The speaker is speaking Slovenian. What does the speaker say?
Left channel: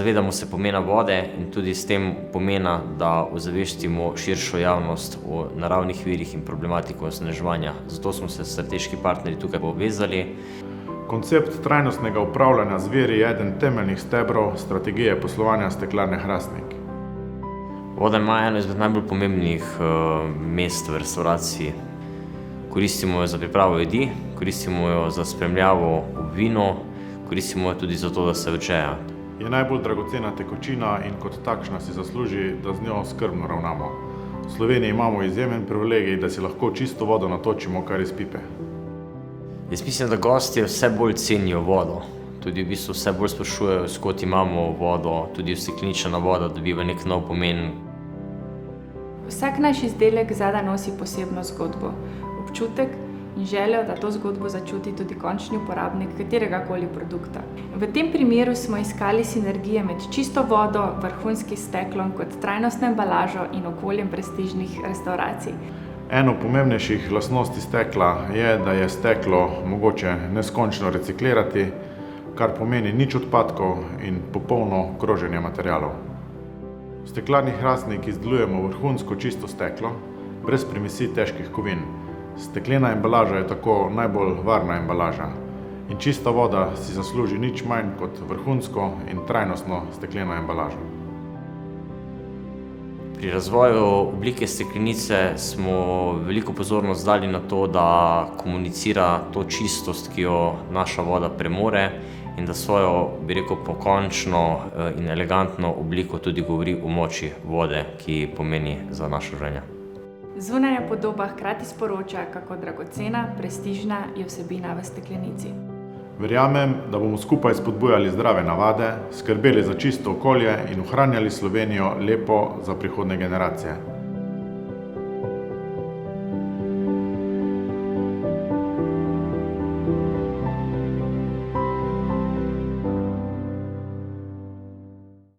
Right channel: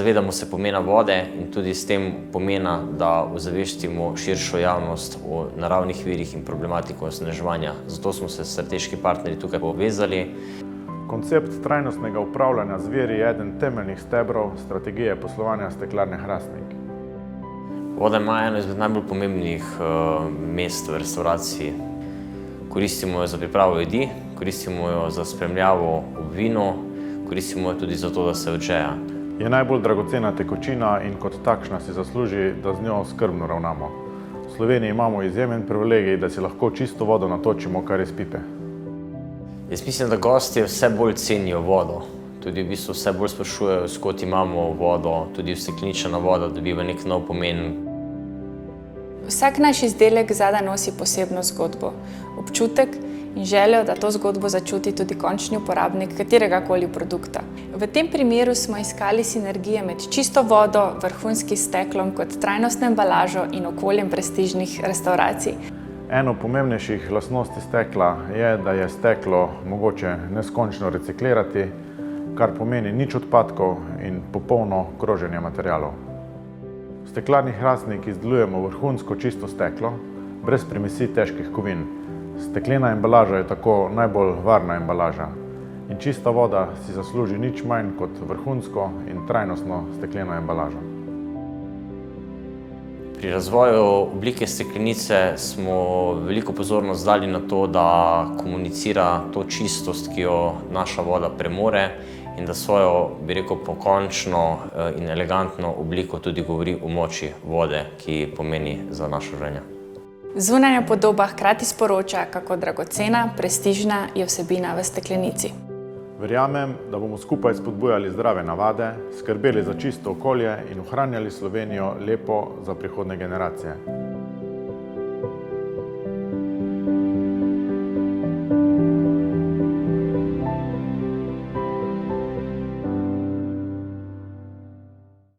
Zavedamo se pomena vode in tudi s tem pomena, da ozavestimo širšo javnost o naravnih virih in problematiko onesnaževanja. Zato smo se strateški partnerji tukaj povezali. Koncept trajnostnega upravljanja z viri je eden temeljnih stebrov strategije poslovanja Steklarne Hrastnik. Voda ima eno izmed najbolj pomembnih mest v restavraciji. Koristimo jo za pripravo jedi, koristimo jo za spremljavo ob vinu, koristimo jo tudi za to, da se odžeja. Je najbolj dragocena tekočina in kot takšna si zasluži, da z njo skrbno ravnamo. V Sloveniji imamo izjemen privilegij, da si lahko čisto vodo natočimo kar iz pipe. Jaz mislim, da gostje vse bolj cenijo vodo. Tudi v bistvu vse bolj sprašujejo, s kod imamo vodo, tudi ustekleničena voda dobiva nek nov pomen. Vsak naš izdelek zadaj nosi posebno zgodbo, občutek in željo, da to zgodbo začuti tudi končni uporabnik kateregakoli produkta. V tem primeru smo iskali sinergije med čisto vodo, vrhunskim steklom kot trajnostno embalažo in okoljem prestižnih restavracij. Eno pomembnejših lastnosti stekla je, da je steklo mogoče neskončno reciklirati, kar pomeni nič odpadkov in popolno kroženje materialov. V Steklarni Hrastnik izdelujemo vrhunsko čisto steklo, brez primesi težkih kovin. Steklena embalaža je tako najbolj varna embalaža in čista voda si zasluži nič manj kot vrhunsko in trajnostno stekleno embalažo. Pri razvoju oblike steklenice smo veliko pozornost dali na to, da komunicira to čistost, ki jo naša voda premore in da svojo, bi rekel, pokončno in elegantno obliko tudi govori o moči vode, ki pomeni za naše življenje. Zunanja podoba hkrati sporoča, kako dragocena, prestižna je vsebina v steklenici. Verjamem, da bomo skupaj spodbujali zdrave navade, skrbeli za čisto okolje in ohranjali Slovenijo lepo za prihodnje generacije.